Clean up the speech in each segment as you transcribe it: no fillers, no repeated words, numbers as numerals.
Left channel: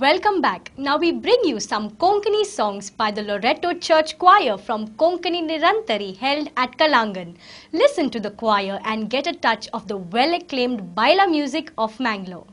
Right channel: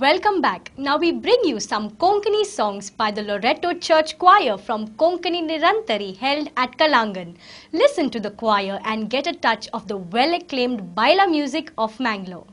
Welcome back. Now we bring you some Konkani songs by the Loreto Church Choir from Konkani Nirantari held at Kalangan. Listen to the choir and get a touch of the well-acclaimed Baila music of Mangalore.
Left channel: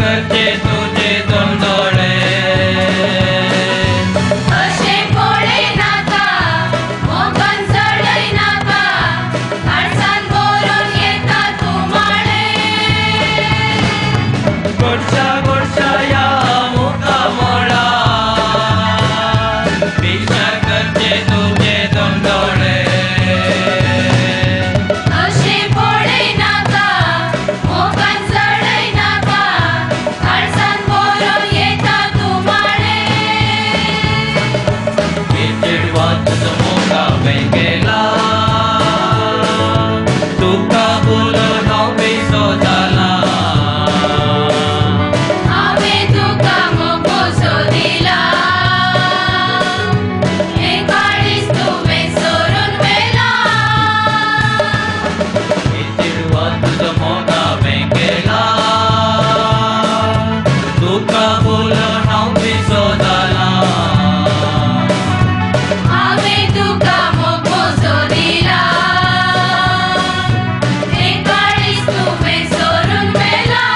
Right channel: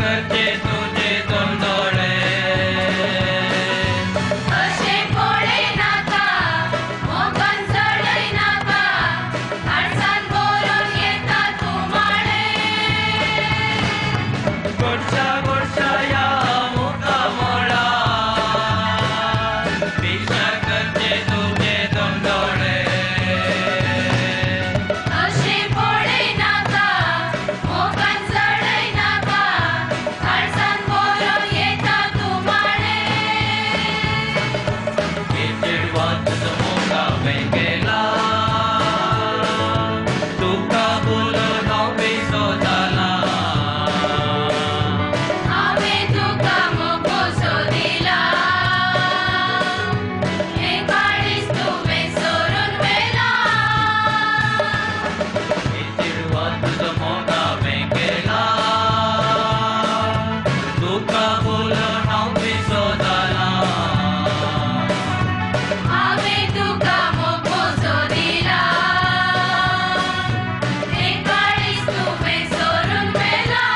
करचे तुझे दोन डोळे अशे पोळे नाका मोगन चढय नाका काळसान बोरून येता तू माळे गोडशा गोडशा या मुका मोळा भिक्षा करचे तुझे दोन डोळे अशे पोळे नाका मोगन चढय नाका काळसान बोरून येता तू माळे चिडवा तुझं मोठा वेगेला तुका बोलून हांव बेसो जाला हावे तुका मोकोसो दिला हे काळीज तुवें सोडून वेला चिडवा तुझं मोठा वेगेला तुका बोलून हांव बेसो जाला हावे तुका मोकोसो दिला हे काळीज तुवें सोडून वेला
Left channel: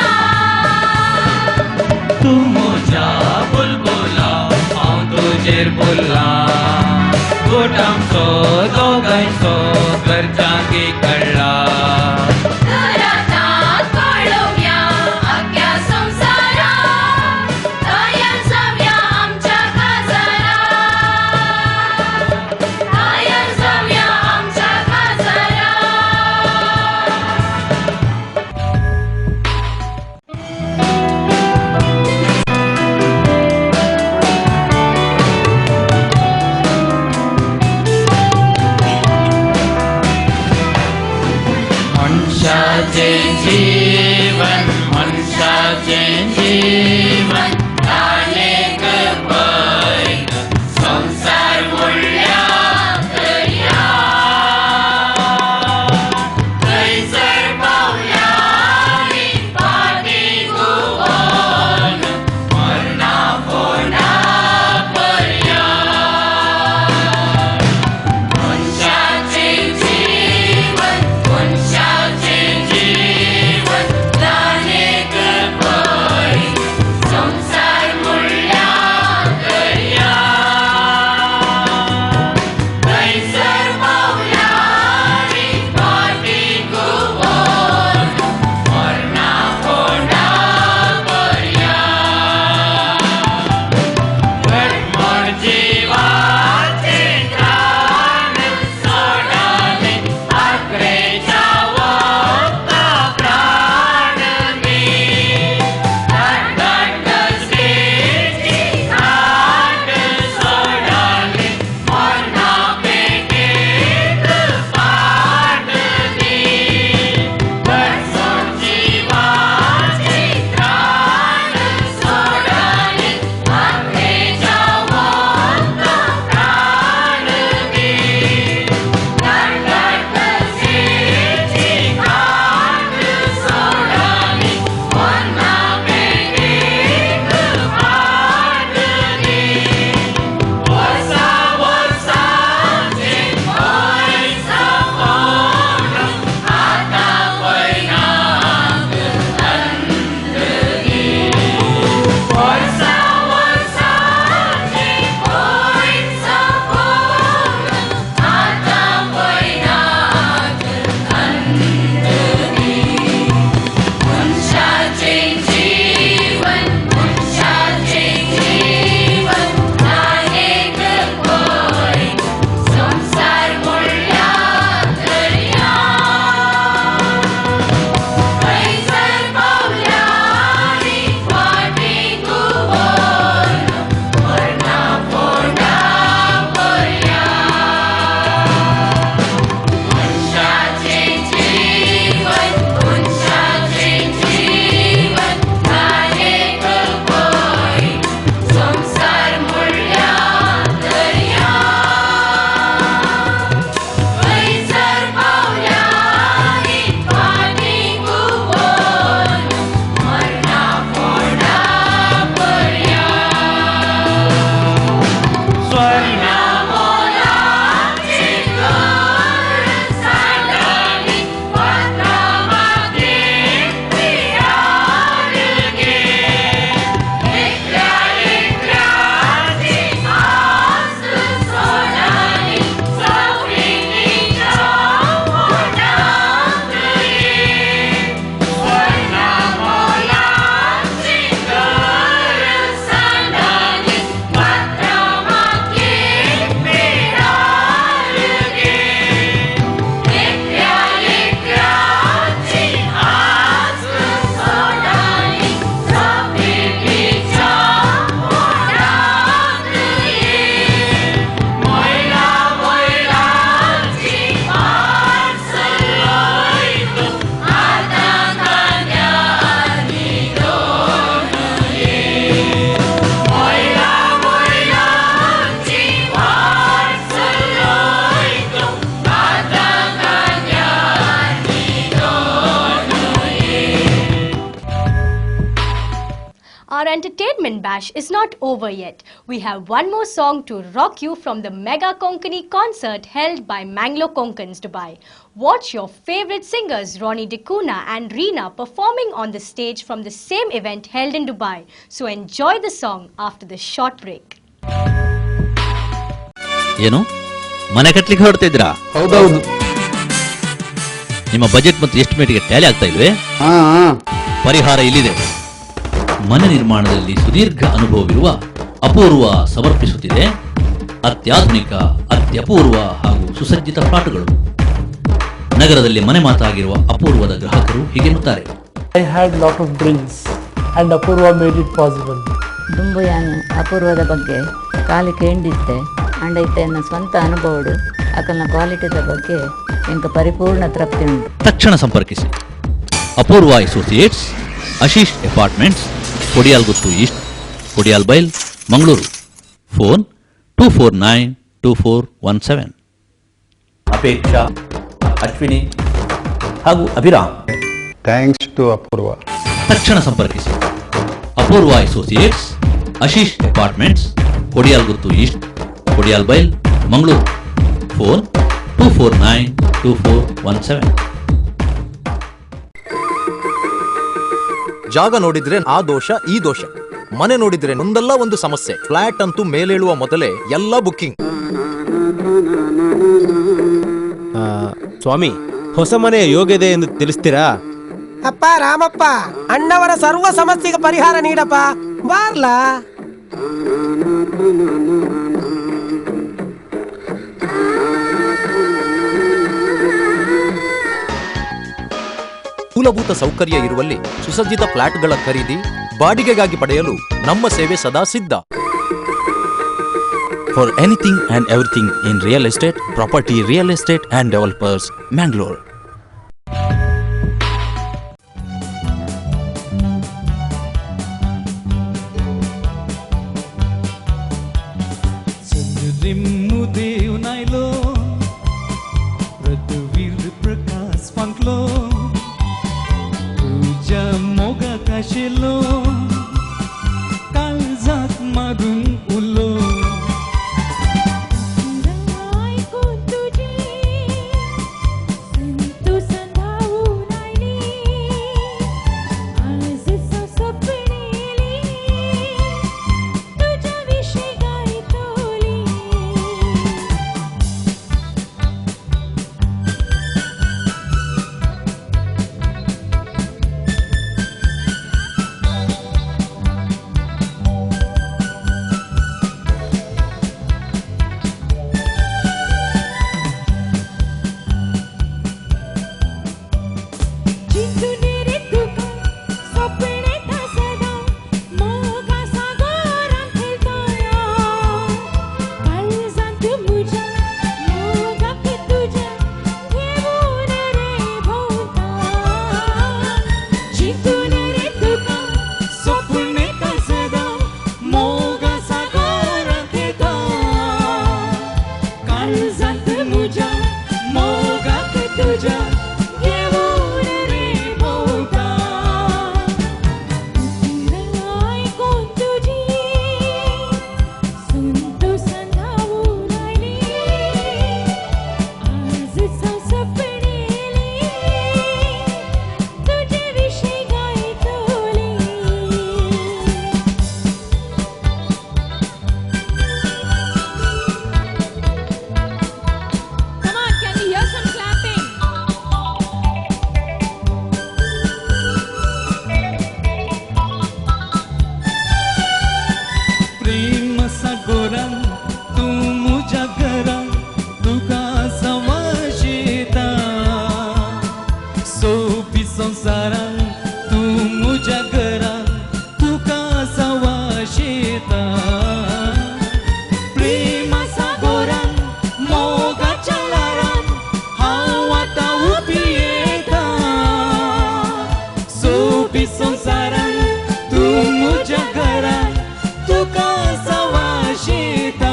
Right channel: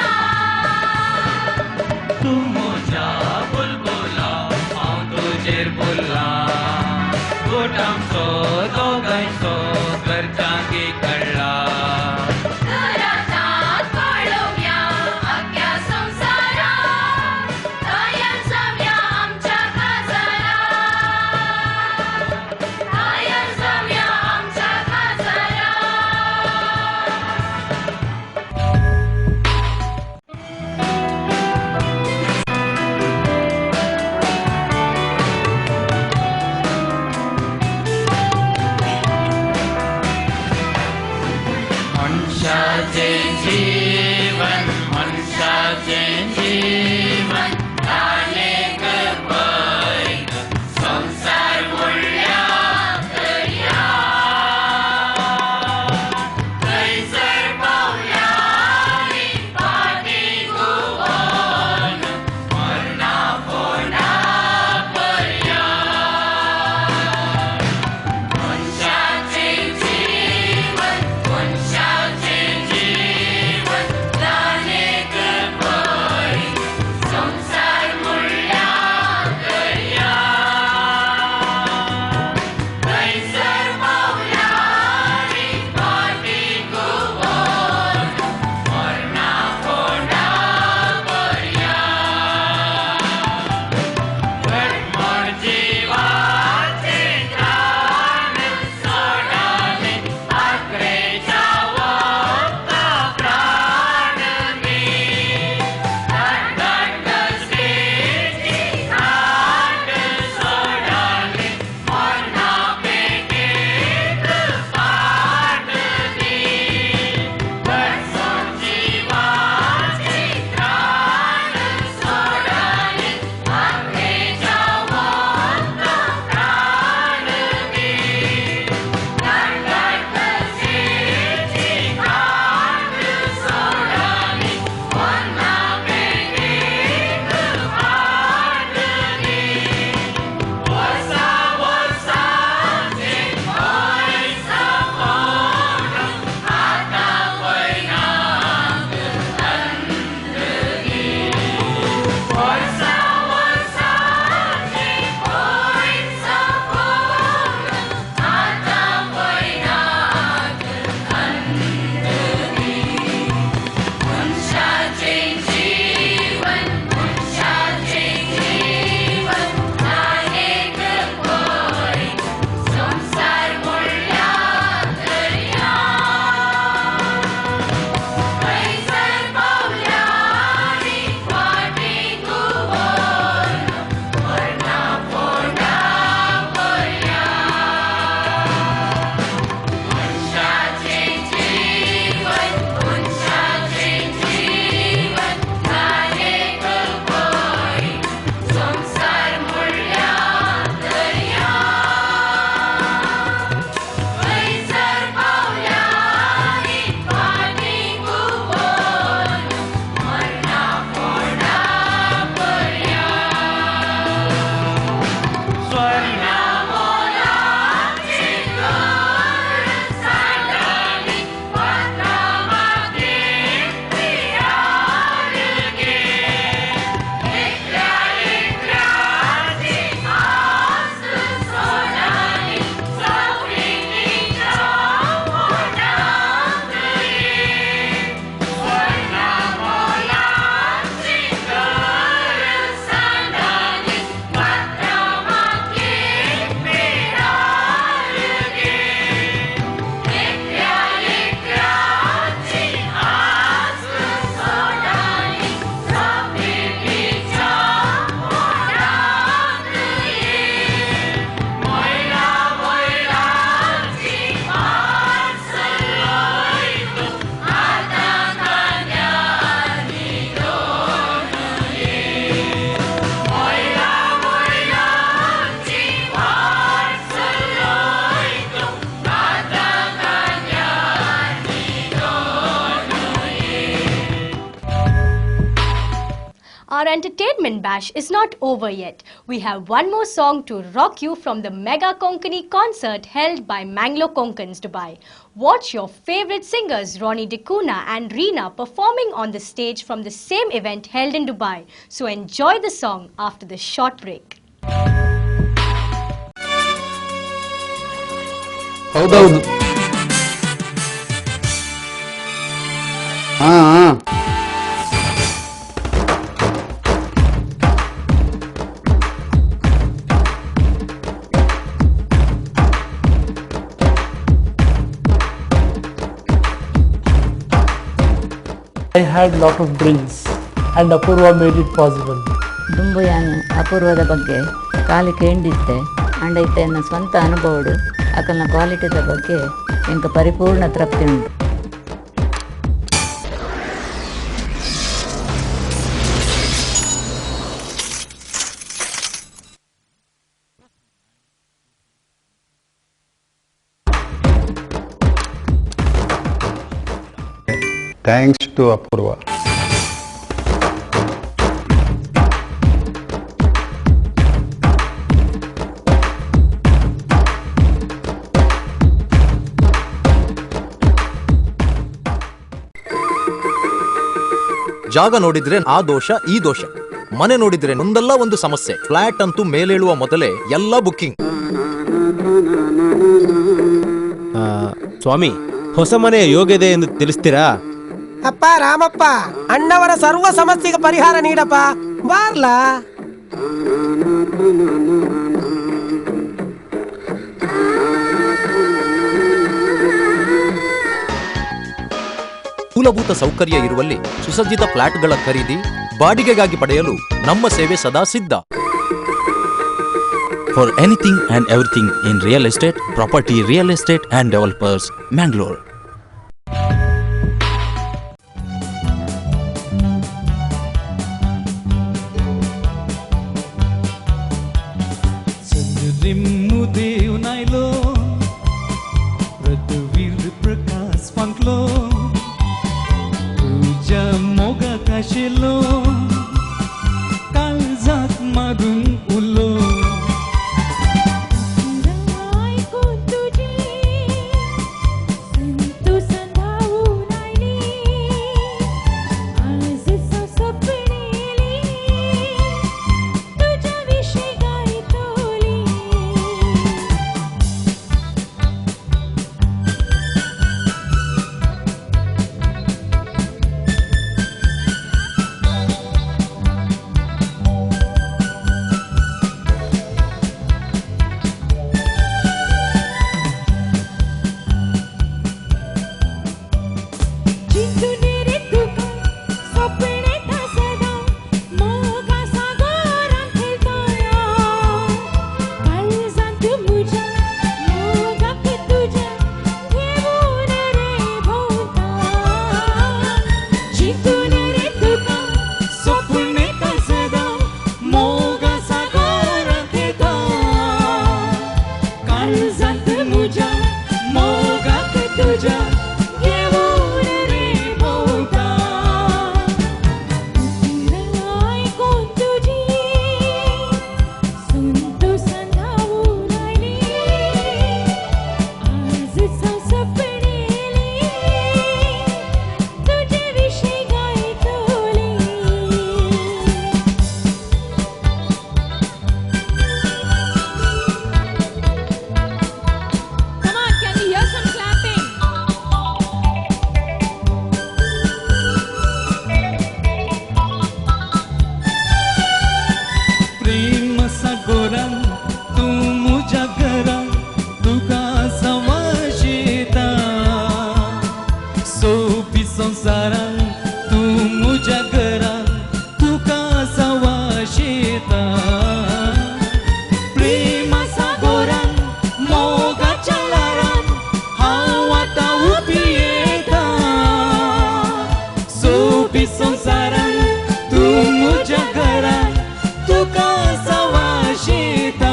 तू म्हज्या बुलबुला हांव तुजेर बोल्ला गोट आमचो दोगांयचो घरच्यांकी कळ्ळा घरांत कळोवया आख्या संवसाराक तयार जावया आमच्या काजाराक तयार जावया आमच्या काजाराक Our entertainment bash is not over yet. We have one more song to rock you from the Mega Konkani concert held by Manglo Konkans, Dubai. Watch your favorite singers Ronnie D'Cunha and Reena performing on the stage from the same event held in Dubai. So enjoy the song after this short break. ಏನು ಮನೆ ಕಟ್ಟಲಿಕ್ಕೆ ಹೊರಡ್ತಿದ್ರಾ? ಹೌದೌದು. ನಿಮ್ಮ budget ಮತ್ತು ಎಸ್ಟಿಮೇಟ್ಗೆ Tally ಆಗ್ತಾ ಇಲ್ವೇ? ಪರಿಹಾರ ಇಲ್ಲಿದೆ. ಮನೆ ನಿರ್ಮಾಣದಲ್ಲಿ ಸುದೀರ್ಘ ಅನುಭವವಿರುವ ಅಪೂರ್ವ ಸಮರ್ಪಿಸುತ್ತಿದೆ ಅತ್ಯಾಧುನಿಕ, ಅತ್ಯಪೂರ್ವ ಹಾಗೂ ಸುಸಜ್ಜಿತ ಪ್ಲಾಟ್ಗಳು. ನಗರದಲ್ಲಿ ಮನೆ ಮಾತಾಗಿರುವ ಅಪೂರ್ವದ ಗ್ರಾಹಕರು ಹೀಗೆನ್ನುತ್ತಾರೆ. I had lot of dreams and Apurva made it possible. ದುಂಬುಯಾನು ಅಪೂರ್ವದ ಬಗ್ಗೆ ಕಾಲಿ ಕೇಂದಿದ್ದೆ ಅಂಡ್ ಐತೆ ನನ್ನ ಸ್ವಂತ ಅನುಭವಡು ಅಕಲ್ನ ಕ್ವಾಲಿಟಿದ ಬಗ್ಗೆ ಎಂಕ ಪರಿಪೂರ್ಣ ತೃಪ್ತಿ ಉಂಟು. ತಕ್ಷಣ ಸಂಪರ್ಕಿಸಿ ಅಪೂರ್ವ ಅಸೋಸಿಯೇಟ್ಸ್, ಆಶೀಶ್ ಅಪಾರ್ಟ್ಮೆಂಟ್ಸ್, ಕೊಡಿಯಾಲ್ ಗುತ್ತು ಈಸ್ಟ್, ಕೊಡಿಯಾಲ್ ಬೈಲ್, ಮಂಗಳೂರು. ಫೋನ್ 24924117. ಅಪೇಕ್ಷಾ, ಅಶ್ವಿನಿ ಹಾಗೂ ಅಭಿರಾಮ್. ಥ್ಯಾಂಕ್ಸ್ ಟು ಅಪೂರ್ವ. ತಕ್ಷಣ ಸಂಪರ್ಕಿಸಿ ಅಪೂರ್ವ ಅಸೋಸಿಯೇಟ್ಸ್, ಆಶೀಶ್ ಅಪಾರ್ಟ್ಮೆಂಟ್ಸ್, ಕೊಡಿಯಾಲ್ ಗುತ್ತು ಈಸ್ಟ್, ಕೊಡಿಯಾಲ್ ಬೈಲ್, ಮಂಗಳೂರು. ಫೋನ್ 24924117. ಜಾಗ ನೋಡಿದ್ರೆ ಆ ದೋಷ ಈ ದೋಷ, ಮನೆ ನೋಡಿದ್ರೆ ಒಂದಲ್ಲ ಒಂದು ಸಮಸ್ಯೆ. ಫ್ಲಾಟ್ ಅಂತೂ ಮೇಲೇಳುವ ಮೊದಲೇ ಎಲ್ಲ ಬುಕ್ಕಿಂಗ್. ಸ್ವಾಮಿ, ಹೊಸ ಮನೆಯ ಯೋಗ್ಯತೆ ಎಂದು ತಿಳಿಸ್ತೀರಾ? ಅಪ್ಪ ರಾಮಪ್ಪ, ಅಣ್ಣವರ ಸರ್ವ ಸಮಸ್ಯೆಗೆ ಪರಿಹಾರ ನೀಡಪ್ಪ, ಬಾರ್ಲಾ. ಮೂಲಭೂತ ಸೌಕರ್ಯ ಇರುವಲ್ಲಿ ಸುಸಜ್ಜಿತ ಫ್ಲಾಟ್ಗಳ ಖರೀದಿ, ಬಾಡಿಗೆಗಾಗಿ ಪಡೆಯಲು ನಮ್ಮ ಸೇವೆ ಸದಾ ಸಿದ್ಧ. For anything and everything in real estate, property, real estate and developers, Mangalore. संसारान तू मुझ्या घरान तुका सवाशिता.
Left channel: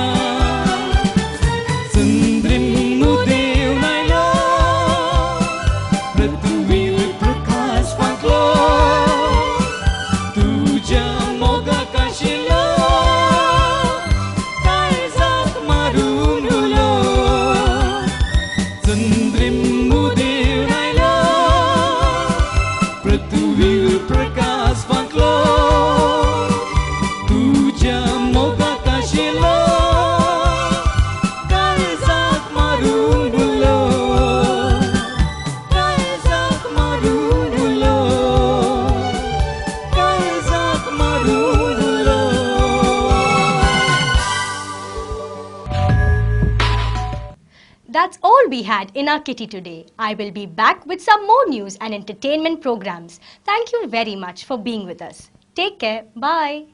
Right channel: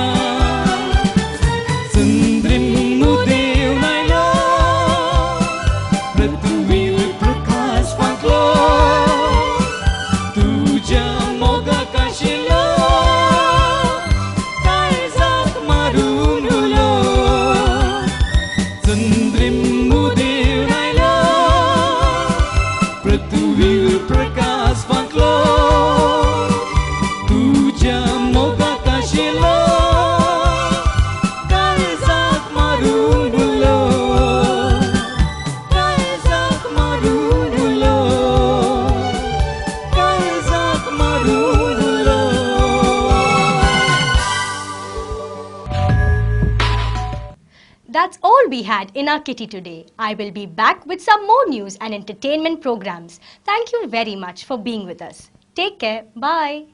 moga kashilo kaizak marunulo Sandrim mudir nailo Pratuvil prakas faklo Tuja moga kashilo kaizak marunulo kaizak marunulo kaizak marunulo That's all we had in our kitty today. I will be back with some more news and entertainment programs. Thank you very much for being with us. Take care. Bye.